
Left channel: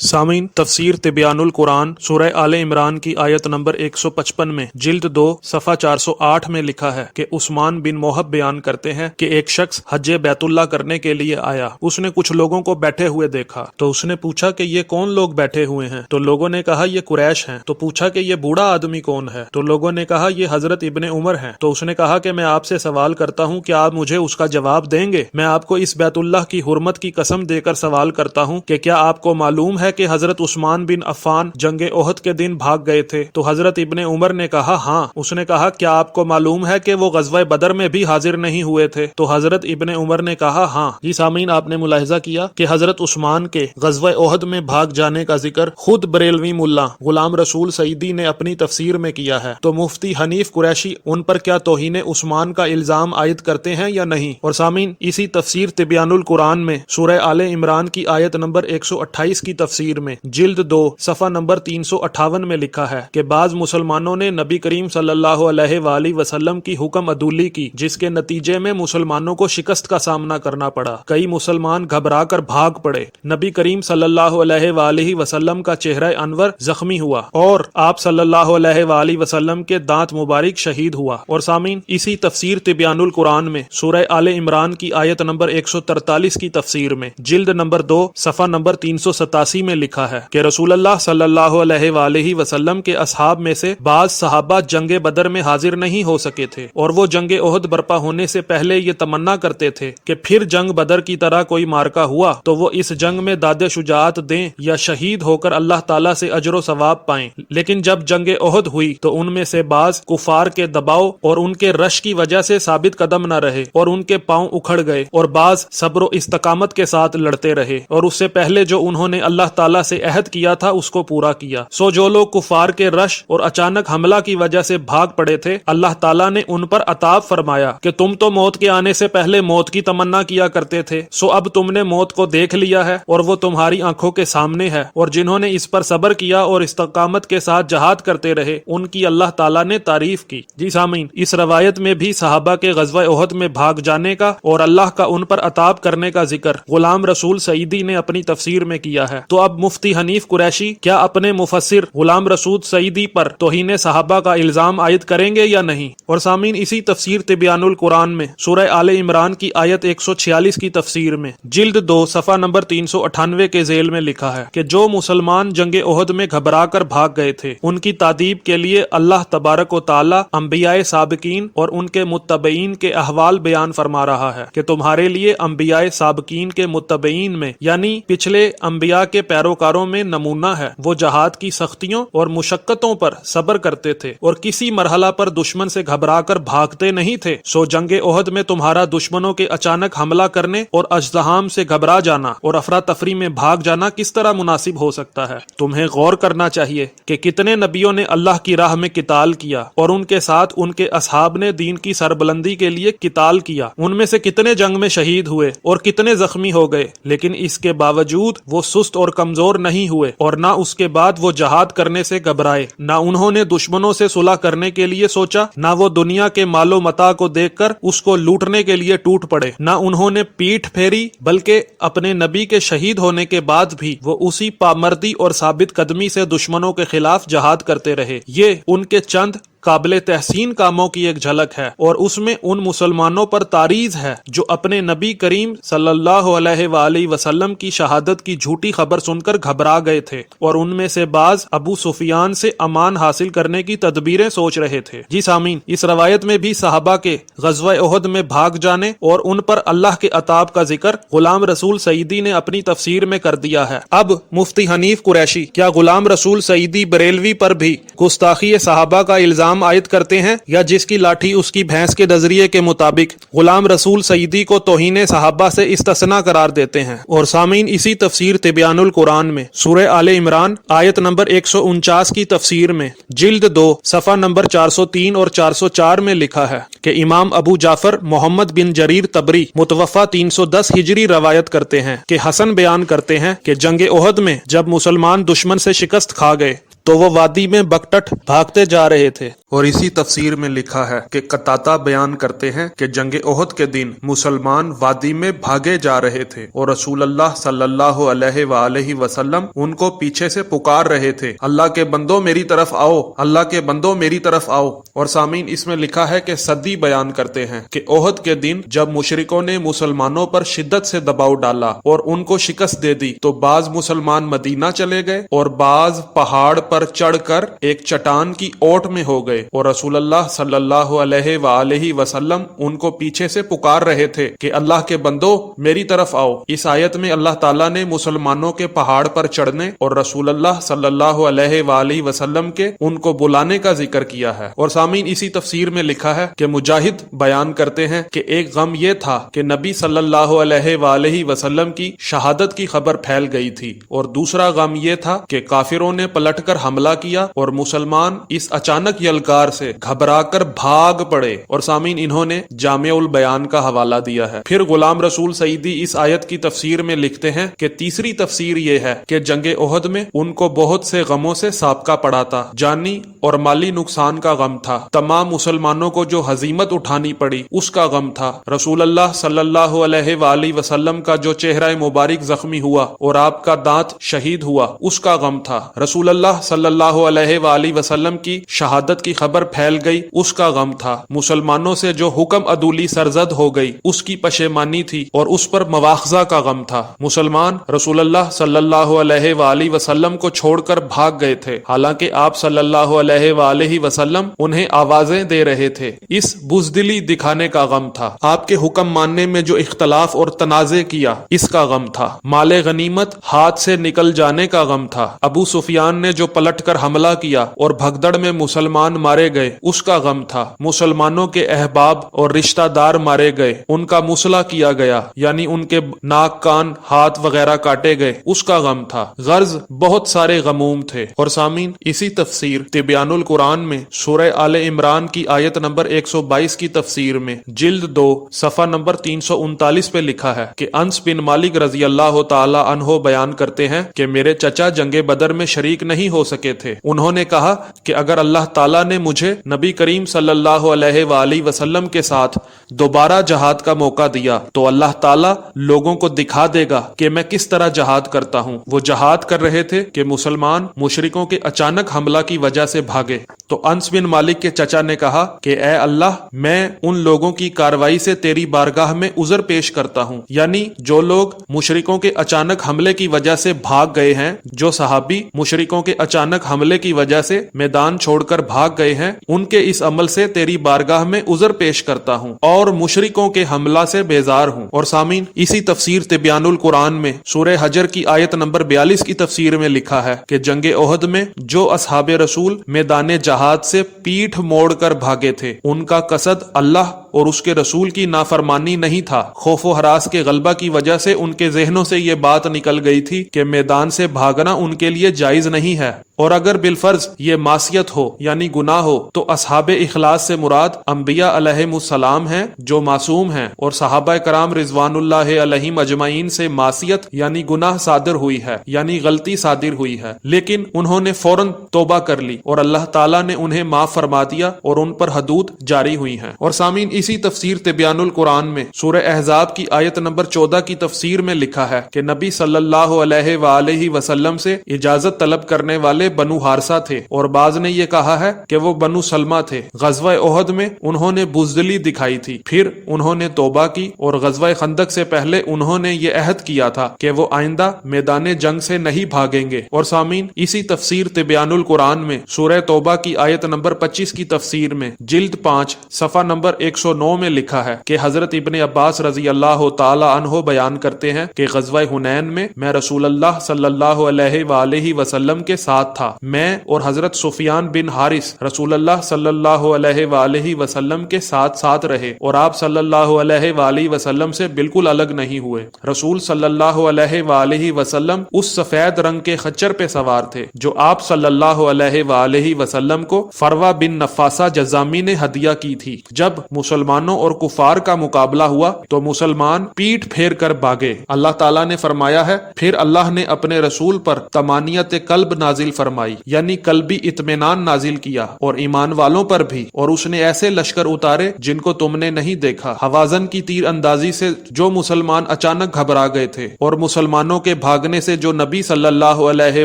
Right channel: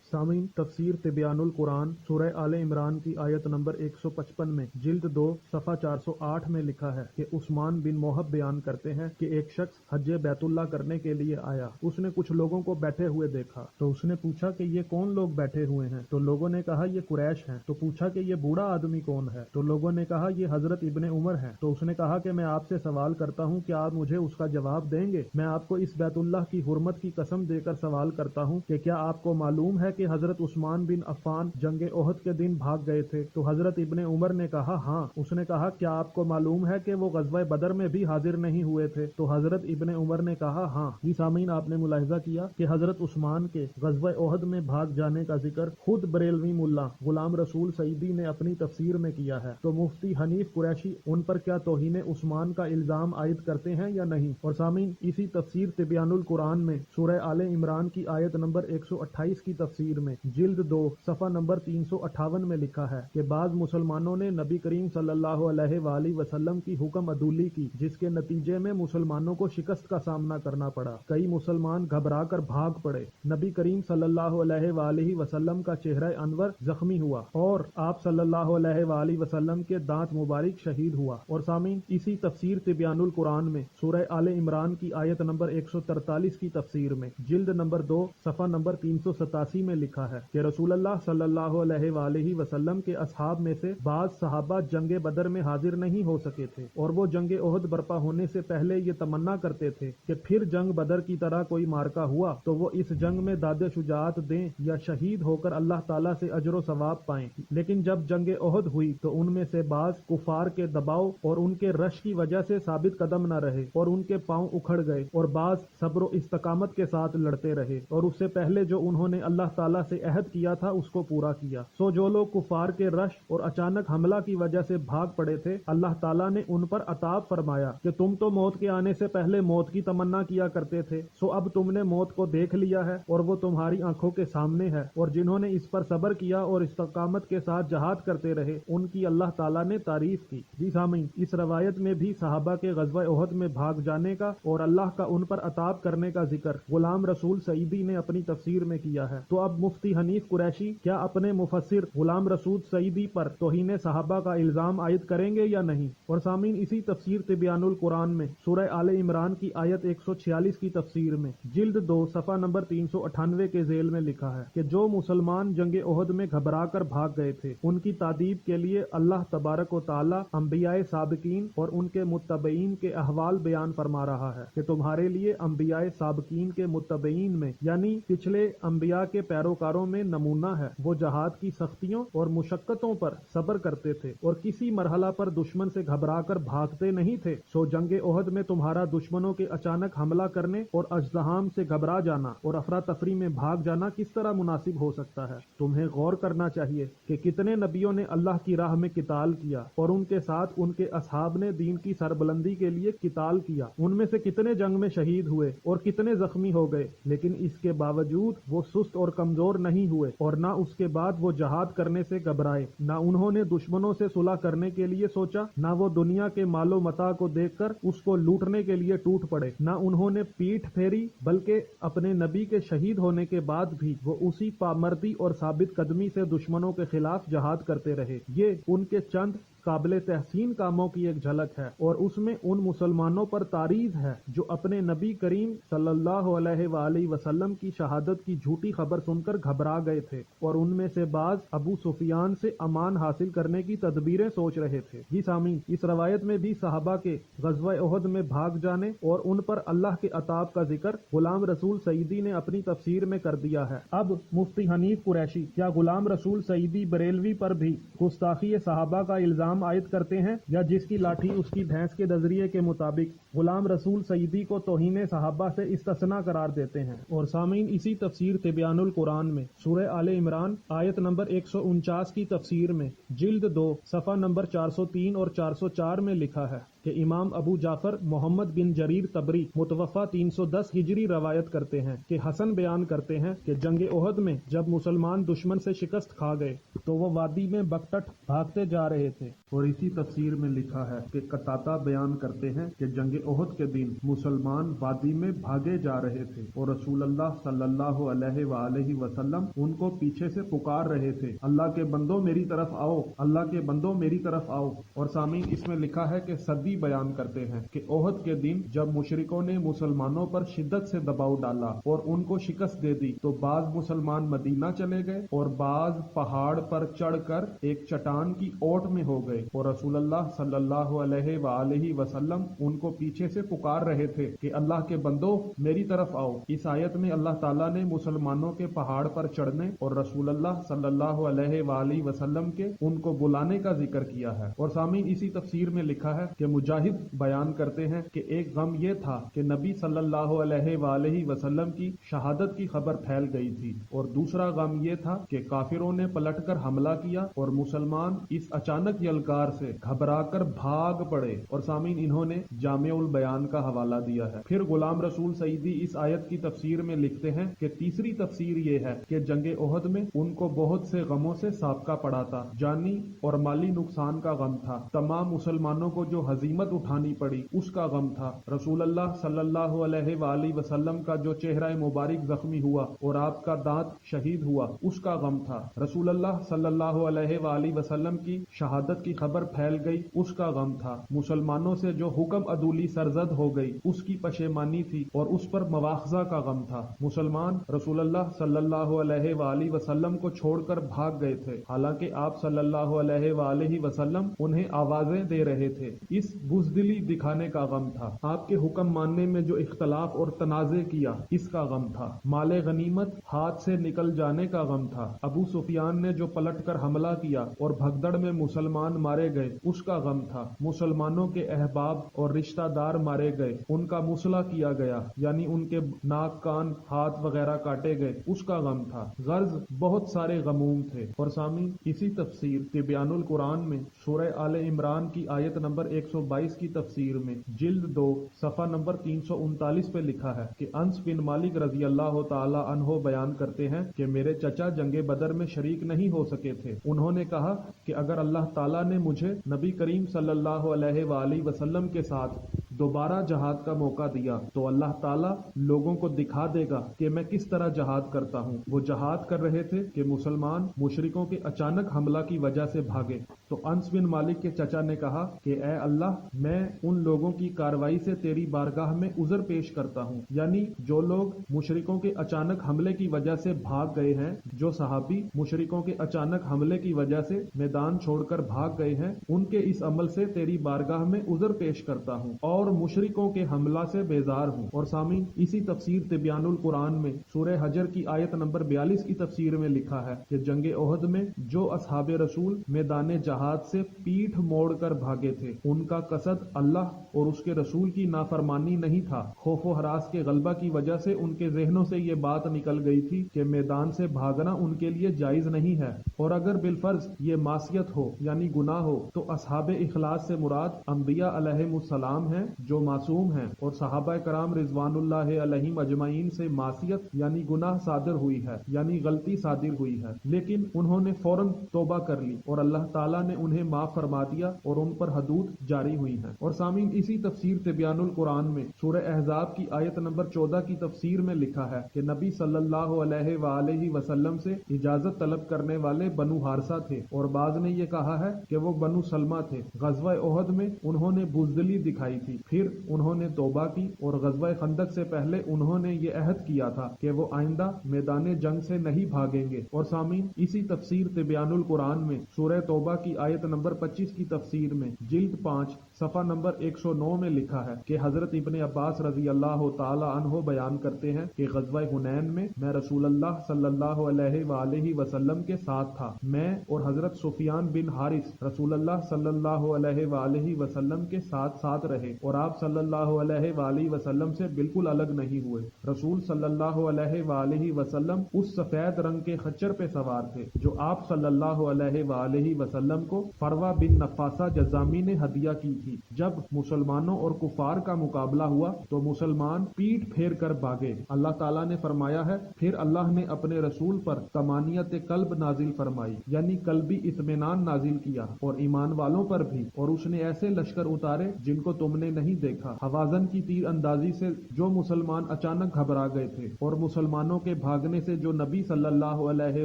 سامعین، تفسیر تبیان القرآن سورہ آل عمران کی آیت نمبر 155 میں جلد 2 صفحہ 408 میں لکھا ہے کہ عثمان بن موہب بیان کرتے ہیں کہ ایک شخص حج بیت اللہ کرنے کے لیے آیا۔ اس نے کچھ لوگوں کو بیٹھے ہوئے دیکھا تو اس نے پوچھا کہ یہ کون لوگ بیٹھے ہوئے ہیں؟ تو لوگوں نے کہا یہ قریش ہیں۔ تو پوچھا کہ یہ بوڑھا آدمی کون ہے؟ تو لوگوں نے کہا یہ حضرت ابن عمر ہیں۔ تو اس نے کہا کہ میں آپ سے سوال کرتا ہوں کہ آپ مجھے اس کا جواب دیں گے؟ میں آپ کو اس بیت اللہ کی حرمت کی قسم دے کر سوال کرتا ہوں کہ کیا آپ کو معلوم ہے کہ حضرت عثمان بن عفان جنگ احد کے دن بھاگ گئے تھے؟ تو حضرت ابن عمر نے کہا ہاں۔ اس نے کہا کیا آپ کو معلوم ہے کہ وہ غزوہ بدر میں بھی حاضر نہیں ہوئے تھے؟ تو حضرت ابن عمر نے کہا ہاں۔ جی سامعین، آپ نے ملاحظہ کیا کہ حضرت عثمان کے غزوہ احد میں بھاگ جانے کا ذکر خود بریلوی ملا غلام رسول سعیدی نے اپنی تفسیر میں کیا ہے، تو مفتی حنیف قریشی ان پر کیا توہین عثمان کا الزام عائد کرتے ہیں یا نہیں؟ اور سامعین، اسی تفسیر تبیان القرآن میں سورہ آل عمران کی آیت نمبر 128 کی تفسیر میں جلد 2 صفحہ نمبر 358 میں لکھا ہے کہ بعض مسلمانوں نے نبی کریم صلی اللہ علیہ وآلہ وسلم کی حکم عدولی کی، جس کے نتیجے میں مسلمانوں کو شکست کا سامنا کرنا پڑا۔ کئی مسلمان گھبرا کر بھاگ پڑے۔ نبی کریم صلی اللہ علیہ وآلہ وسلم کا چہرہ انور زخمی ہوا اور آپ صلی اللہ علیہ وآلہ وسلم کے دانت مبارک شہید ہوا۔ اور سامعین، اسی تفسیر تبیان القرآن میں سورہ آل عمران کی آیت نمبر 143 کی تفسیر میں جلد نمبر 2 صفحہ نمبر 387 میں لکھا ہے کہ رسول اللہ صلی اللہ علیہ وآلہ وسلم کے اصحاب میں سے بعض صحابہ جنگ بدر میں حاضر نہیں ہو سکے تھے، اور وہ جنگ احد برپا ہونے سے پہلے یہ تمنا کرتے تھے کہ پھر جنگ بدر کی طرح کوئی مارکا ہوا تو وہ اس جنگ میں داد شجاعت دیں یا شہید ہو کر اللہ تعالیٰ سے اجر و ثواب پائیں۔ لیکن جب جنگ احد ہوئی تو ان میں سے بعض کفار کے دباؤ اور ان کے رش کی وجہ سے ثابت قدم نہ رہے اور ان کے پاؤں اکھڑ گئے، اور بعض صبر و استقامت کے ساتھ لڑتے رہے اور اس سے پہلے جو انہوں نے اللہ تعالیٰ سے عہد کیا تھا اس کو پورا کیا۔ سو جو لوگ کفار کے رش اور اچانک حملہ کی وجہ سے بھاگ پڑے تھے، اللہ تعالیٰ نے ان پر عطاب فرمایا کہ تم تو موت کے آنے سے پہلے موت کی تمنا کیا کرتے تھے، سو اب تم نے موت کو دیکھ لیا ہے اور وہ تمہاری آنکھوں کے سامنے ہے، اور جنہوں نے اس پر صبر کیا اور استقامت کے ساتھ جہاد کرتے رہے ان کی اللہ تعالیٰ نے تعریف کی۔ جی سامعین، اس روایت میں بھی صحابہ کے غزوہ احد میں بھاگ جانے کا اور اللہ کا ان پر عطاب کرنے کا ذکر غلام رسول سعیدی نے اپنی تفسیر میں کیا ہے۔ تو اب مفتی حنیف قریشی کیا اپنے مفسر غلام رسول سعیدی پر توہین صحابہ کا الزام عائد کریں گے یا نہیں؟ اور سامعین، اسی تفسیر تبیان القرآن میں سورہ آل عمران کی آیت 146 کی تفسیر میں جلد 2 صفحہ نمبر 398 کے ذیل میں لکھا ہے کہ جو مسلمان جنگ احد میں گھبرا کر بھاگ گئے تھے ان کی تعدیب کے لیے اللہ تبارک و تعالی انبیاء سابقین اور ان کے متبعین کے احوال بیان فرما رہا ہے کہ تمہارے لیے انبیاء سابقین کے متبعین میں یعنی پچھلے انبیاء کے پیروکاروں میں نمونہ ہے۔ وہ جہاد کی سختیوں اور مشقتوں پر صبر کرتے تھے اور کسی مرحلہ پر دشمن سے گھبرا کر بھاگتے نہیں تھے۔ سو جنگ احد میں تمہارا دشمنوں کے اچانک حملہ کرنے اور اژدہام سے گھبرا جانا اور افراتفری میں بھاگ جانا کس طرح مناسب ہو سکتا ہے؟ تمہیں غور کرنا چاہیے کہ کتنے نبیوں نے اللہ کی راہ میں قتال کیا اور ان کے ساتھ ان کے اصحاب نے دین کی سربلندی کے لیے قتال کیا۔ ان میں سے کتنے جنگ میں شہید ہوئے اور کتنے زخمی ہو گئے، لیکن اس کے باوجود وہ سست اور کمزور نہیں ہوئے، اور نہ اس کے بعد وہ جہاد کرنے سے گھبرائے، نہ انہوں نے دشمنوں سے صلح کرنے کے لیے سوچا، نہ وہ دنیا کے مال و متاع کو دیکھ کر اس کو لوٹنے کے لیے ٹوٹ پڑے، نہ انہوں نے پیٹھ پھیری، بلکہ اپنے نبی کے شہید ہونے کے بعد بھی وہ اسی پامردی اور ثابت قدمی سے دشمنوں کے خلاف جہاد کرتے رہے۔ یہ ان کے چند قابل تحسین کاموں کی ایک جھلک ہے، اور اس میں ان مسلمانوں پر تاریز ہے جو اپنے نبی کریم صلی اللہ علیہ وآلہ وسلم کی شہادت کی جھوٹی خبر سن کر گھبرا گئے تھے، اور ان میں سے بعض ابو سفیان سے امان حاصل کرنے کی تدبیریں سوچ رہے تھے۔ جی سامعین، اس روایت میں بھی صحابہ کے غزوہ احد میں بھاگ جانے اور ان پر اللہ کے عطاب کا ذکر غلام رسول سعیدی نے اپنی تفسیر میں کر دیا ہے۔ اب مفتی حنیف قریشی کیا غلام رسول سعیدی بریلوی پر بھی گستاخی صحابہ کا الزام عائد کرتے ہیں، یا جس کی لاٹھی اس کی بھینس کے نظریے کے مطابق غلام رسول سعیدی کو توہین صحابہ سے استثناء قرار دیتے ہیں؟ اور سامعین، اسی تفسیر تبیان القرآن میں سورہ آل عمران آیت نمبر 149 کی تفسیر میں جلد 2 صفحہ نمبر 403 اور 404 میں لکھا ہے کہ امام ابو جعفر محمد بن جریر طبری متوفہ 310 ہجری روایت کرتے ہیں کہ حسن بیان کرتے ہیں کہ جنگ احد میں جب مسلمان دشمن سے شکست کھا گئے تو وہ وادی میں بکٹٹ بھاگتے جا رہے تھے۔ اور اسی تفسیر میں لکھا ہے کہ قتادہ بیان کرتے ہیں کہ جنگ احد کے دن مسلمان وادی میں بھاگے جا رہے تھے اور رسول اللہ صلی اللہ علیہ وآلہ وسلم ان کو پیچھے سے پکار رہے تھے، اللہ کے بندوں میری طرف آؤ، اللہ کے بندوں میری طرف آؤ۔ اور سامعین، اس میں لکھا ہے کہ صدی بیان کرتے ہیں کہ احد کے دن جب مشرکوں نے مسلمانوں پر شدت سے دباؤ ڈالا اور ان کو شکست دے دی تو بعض مسلمان مدینہ چلے گئے اور بعض پہاڑ پر چڑھ کر ایک چٹان کی اوٹ میں ہو گئے، اور رسول اللہ صلی اللہ علیہ وآلہ وسلم ان کو پیچھے سے پکار رہے تھے کہ اللہ کے بندوں میری طرف آؤ۔ اس آیت میں اللہ تعالیٰ نے مسلمانوں کے پہاڑ پر چڑھنے اور رسول اللہ صلی اللہ علیہ وآلہ وسلم کے ان کو بلانے کا ذکر کیا ہے۔ اور سامعین، اسی تفسیر میں لکھا ہے کہ مجاہد بیان کرتے ہیں کہ ایک غم یہ تھا کہ نبی صلی اللہ علیہ وآلہ وسلم کی شہادت کی خبر پھیل گئی تھی، اور دوسرا غم یہ تھا کہ کافروں نے پلٹ کر حملہ کیا اور مسلمان اس اچانک یلغار سے گھبرا کر بھاگ پڑے۔ اور سامعین، انہوں نے جامع البیان کا حوالہ دیا ہے۔ پھر غلام رسول سعیدی اس آیت کی تفسیر میں لکھتے ہیں کہ تیسری تفسیر یہ ہے کہ جنگ احد میں ان کو بہت سے غموں سے سابقہ پڑا تھا، جانی اور مالی نقصان کا غم تھا، تمام مسلمانوں کو جو ہزیمت اٹھانی پڑی اس کا غم تھا، رسول اللہ صلی اللہ علیہ وآلہ وسلم کا جو چہرہ مبارک زخمی ہوا اور آپ کا دانت شہید ہوا اس کا غم تھا، رسول اللہ صلی اللہ علیہ وآلہ وسلم کی شہادت کی خبر پھیل گئی اس کا غم تھا، مسلمانوں سے جو حکم عدولی سرزد ہو گئی اس کی پشیمانی تھی اور اس پر مواخذہ کا غم تھا۔ مسلمان رسول اللہ صلی اللہ علیہ وآلہ وسلم کو چھوڑ کر بھاگ گئے تھے، حالانکہ آپ صلی اللہ علیہ وآلہ وسلم انہیں آوازیں دے رہے تھے، اس بزدلی دکھانے کا غم تھا۔ آپ کے حکم ماننے میں جو اختلاف اور تنازع کیا اس کا غم تھا، مال غنیمت ہاتھ سے نکل جانے کا غم تھا، ابو سفیان نے جو پلٹ کر حملہ کیا اور بھگدڑ میں مسلمان مارے گئے اس کا غم تھا، مسلمانوں کے احباب اور رشتہ دار مارے گئے، ان کا مصلح کیا گیا، یعنی ان کے ناک کان ہاتھ وغیرہ کاٹے گئے اس کا غم تھا۔ غرض بہت سارے غموم تھے۔ اور سامعین، اسی تفسیر تبیان القرآن میں سورہ آل عمران کی آیت نمبر 122 کی تفسیر میں جلد 2 صفحہ نمبر 339 پہ لکھا ہے کہ انس بن مالک رضی اللہ تعالی عنہ بیان کرتے ہیں کہ میرے چچا جنگ بدر میں شریک نہیں ہو سکے تھے، انہوں نے کہا کہ اگر اللہ تعالیٰ نے مجھے نبی کریم صلی اللہ علیہ وآلہ وسلم کے ساتھ دوبارہ جہاد کا موقع دیا تو اللہ تعالیٰ لوگوں کو دکھا دے گا کہ میں کس طرح جہاد کرتا ہوں۔ وہ جہاد کر رہے تھے کہ مسلمان مشرکوں کے اچانک حملہ کی وجہ سے بھاگے، تو انس بن مالک کے چچا نے کہا کہ اے اللہ، میں ان لوگوں کی کاروائی سے تیری بارگاہ میں عذر پیش کرتا ہوں، یعنی جو لوگ مشرکوں کے اچانک حملے کی وجہ سے بھاگ گئے ہیں، جو صحابی مشرکوں کے اچانک حملے کی وجہ سے میدان چھوڑ کر بھاگ گئے ہیں، ان کے اس عمل سے تیری بارگاہ میں عذر پیش کرتا ہوں اور مشرکوں کے حملہ سے بیزار ہوں۔ اور سامعین، اسی تفسیر تبیان القرآن میں سورہ حجر کی آیت نمبر 42 کی تفسیر میں لکھا ہے کہ جنگ احد میں جو اصحاب رسول میدان جہاد سے پیٹھ موڑ کر بھاگے تھے ان کا قصد اللہ اور اس کے رسول کی نافرمانی نہیں تھا، خوف و ہراس کے غلبہ کی وجہ سے ان کے ذہنوں سے یہ بات نکل گئی تھی کہ میدان سے بھاگنا ان کے لیے جائز نہیں ہے، اور اگر بالفرض یہ معصیت ہو یعنی گناہ ہو تو اصحاب اخلاص سے مراد انبیاء علیہم السلام ہیں جو معصوم ہیں، اور صحابہ کرام رضوان اللہ علیہم اجمعین سے معصیت یعنی گناہ صادر ہوئی ہے، یعنی غلطی صادر ہوئی ہے، لیکن انہوں نے فوراً توبہ کر لی اور اللہ تعالیٰ نے انہیں معاف فرما دیا اور ان پر حدود جاری ہوئی ہیں۔ اور سامعین، اسی اسی تفسیر تبیان القرآن میں سورہ احزاب کی آیت نمبر 14 کی تفسیر میں لکھا ہے کہ نبی صلی اللہ علیہ وآلہ وسلم سے اجازت طلب کرنے والے بنو حارثہ تھے، اور بعض نے یہ کہا ہے کہ وہ بنو سلمہ تھے۔ غزوہ احد میں انہوں نے بزدلی دکھائی تھی، پھر انہوں نے توبہ کی، اور غزوہ خندق سے پہلے انہوں نے یہ عہد کیا تھا کہ وہ آئندہ میدان جنگ سے نہیں بھاگیں گے۔ اور سامعین، اسی تفسیر تبیان القرآن میں سورہ توبہ کی آیت نمبر 25 کی تفسیر میں جلد 5 صفحہ نمبر 109 میں لکھا ہے کہ حضرت ابن عباس رضی اللہ تعالی عنہ بیان کرتے ہیں کہ غزوہ حنین میں میں رسول اللہ صلی اللہ علیہ وآلہ وسلم کے ساتھ تھا، میں اور حضرت سفیان بن حارث رسول اللہ صلی اللہ علیہ وآلہ وسلم کے ساتھ ساتھ رہے، اور آپ صلی اللہ علیہ وآلہ وسلم سے بالکل الگ نہیں ہوئے۔ رسول صلی اللہ علیہ وآلہ وسلم اس سفید رنگ کے خچر پہ سوار تھے جو آپ صلی اللہ علیہ وآلہ وسلم کو فروا بن نفاسہ جزامی نے ہدیہ کی تھی۔ جب مسلمانوں اور کفار کا مقابلہ ہوا تو مسلمان پیٹ پھیر کر بھاگے۔ اللہ تعالیٰ نے فرمایا ہے، پھر اللہ نے اپنے رسول پر طمانیت قلب نازل فرمائی، یعنی قلبی اطمینان نازل کیا، اور ایمان والوں پر بھی، اور اس نے ایسے لشکر اتارے جن کو تم نے نہیں دیکھا۔ حوازن کی تیر اندازی سے جو مسلمان اچانک گھبرا گئے تھے، اور مسلمانوں کے بھاگنے سے جو نبی صلی اللہ علیہ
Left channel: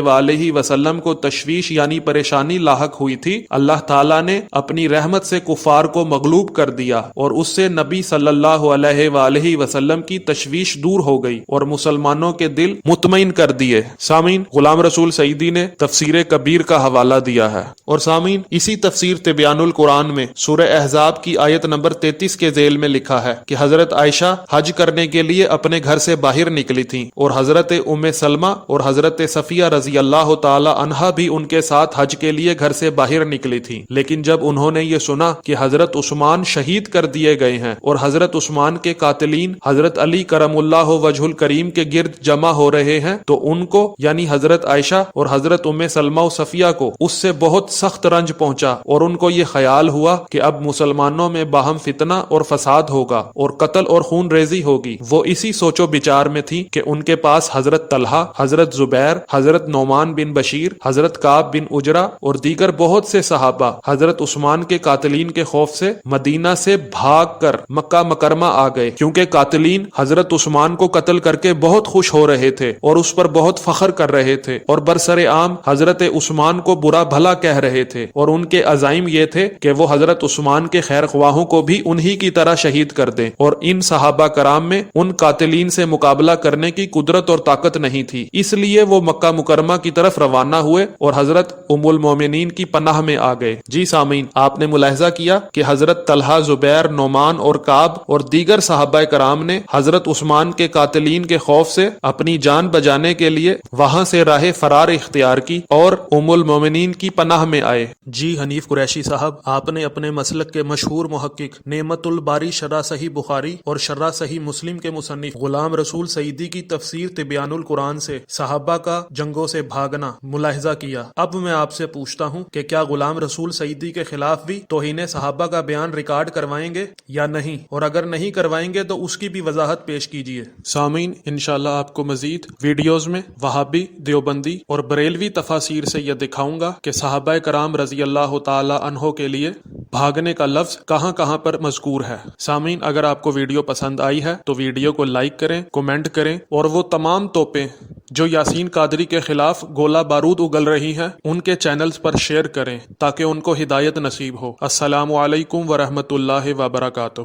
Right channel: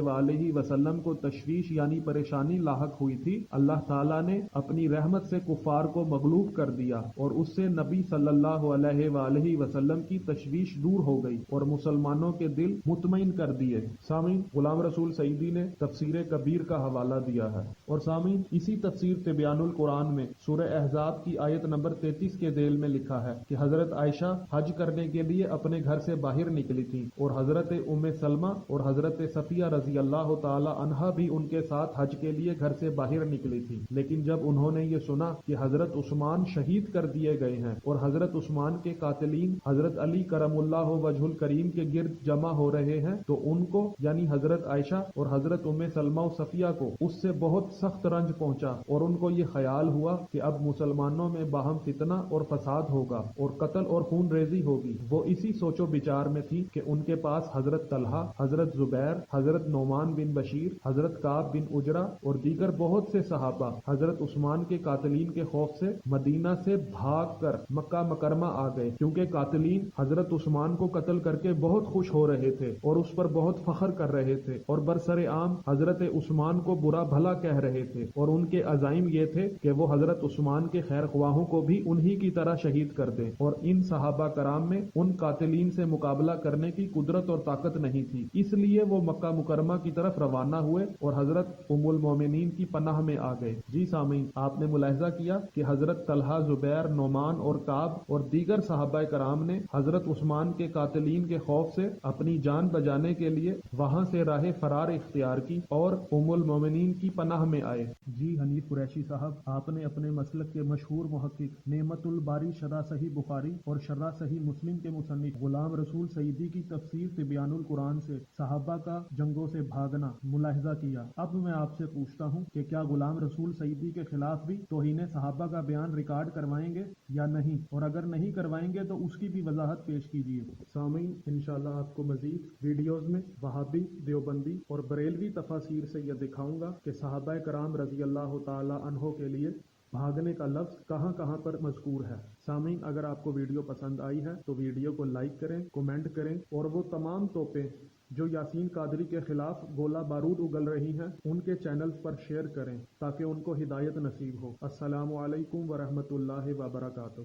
وآلہ وسلم کو تشویش یعنی پریشانی لاحق ہوئی تھی، اللہ تعالیٰ نے اپنی رحمت سے کفار کو مغلوب کر دیا، اور اس سے نبی صلی اللہ علیہ وآلہ وسلم کی تشویش دور ہو گئی اور مسلمانوں کے دل مطمئن کر دیے۔ سامعین، غلام رسول سعیدی نے تفسیر کبیر کا حوالہ دیا ہے۔ اور سامعین، اسی تفسیر تبیان القرآن میں سورہ احزاب کی آیت نمبر 33 کے ذیل میں لکھا ہے کہ حضرت عائشہ حج کرنے کے لیے اپنے گھر سے باہر نکلی تھیں، اور حضرت ام سلمہ اور حضرت صفیہ رضی اللہ تعالی عنہا بھی ان کے ساتھ حج کے لیے گھر سے باہر نکلی تھیں۔ لیکن جب انہوں نے یہ سنا کہ حضرت عثمان شہید کر دیے گئے ہیں اور حضرت عثمان کے قاتلین حضرت علی کرم اللہ وجہ الکریم کے گرد جمع ہو رہے ہیں، تو ان کو یعنی حضرت عائشہ اور حضرت ام سلمہ و صفیہ کو اس سے بہت سخت رنج پہنچا، اور ان کو یہ خیال ہوا کہ اب مسلمانوں میں باہم فتنہ اور فساد ہوگا اور قتل اور خون ریزی ہوگی۔ وہ اسی سوچ و بچار میں تھی کہ ان کے پاس حضرت طلحہ، حضرت زبیر، حضرت نعمان بن بشیر، حضرت کعب بن اجرا اور دیگر بہت سے صحابہ حضرت عثمان کے قاتلین کے خوف سے مدینہ سے بھاگ کر مکہ مکرمہ آ گئے، کیونکہ قاتلین حضرت عثمان کو قتل کر کے بہت خوش ہو رہے تھے اور اس پر بہت فخر کر رہے تھے، اور برسر عام حضرت عثمان کو برا بھلا کہہ رہے تھے، اور ان کے عزائم یہ تھے کہ وہ حضرت عثمان کے خیر خواہوں کو بھی انہی کی طرح شہید کر دیں، اور ان صحابہ کرام میں ان قاتلین سے مقابلہ کرنے کی قدرت اور طاقت نہیں تھی، اس لیے وہ مکہ مکرمہ کی طرف روانہ ہوئے اور حضرت ام المومنین کی پناہ میں آ گئے۔ جی سامعین، آپ نے ملاحظہ کیا کہ حضرت طلحہ، زبیر، نعمان اور کعب اور دیگر صحابہ کرام نے حضرت عثمان کے قاتلین کے خوف سے اپنی جان بچانے کے لیے وہاں سے راہ فرار اختیار کی اور ام المومنین کی پناہ میں آئے۔ جی حنیف قریشی صاحب، آپ نے اپنے مسلک کے مشہور محقق نعمت الباری شرح صحیح بخاری اور شرح صحیح مسلم کے مصنف غلام رسول سعیدی کی تفسیر تبیان القرآن سے صحابہ کا جنگوں سے بھاگنا ملاحظہ کیا۔ اب میں آپ سے پوچھتا ہوں کہ کیا غلام رسول سعیدی کے خلاف بھی توہین صحابہ کا بیان ریکارڈ کروائیں گے یا نہیں، اور اگر نہیں کروائیں گے تو اس کی بھی وضاحت پیش کیجیے۔ سامعین، انشاءاللہ آپ کو مزید ویڈیوز میں وہابی، دیوبندی اور بریلوی تفاسیر سے یہ دکھاؤں گا کہ صحابہ کرام رضی اللہ تعالی عنہ کے لیے بھاگنے کا لفظ کہاں کہاں پر مذکور ہے۔ سامعین، اگر آپ کو ویڈیو پسند آئی ہے تو ویڈیو کو لائک کریں، کومنٹ کریں، اور وہ تمام توپیں جو یاسین قادری کے خلاف گولہ بارود اگل رہی ہیں ان کے چینلز پر شیئر کریں تاکہ ان کو ہدایت نصیب ہو۔ السلام علیکم ورحمۃ اللہ وبرکاتہ۔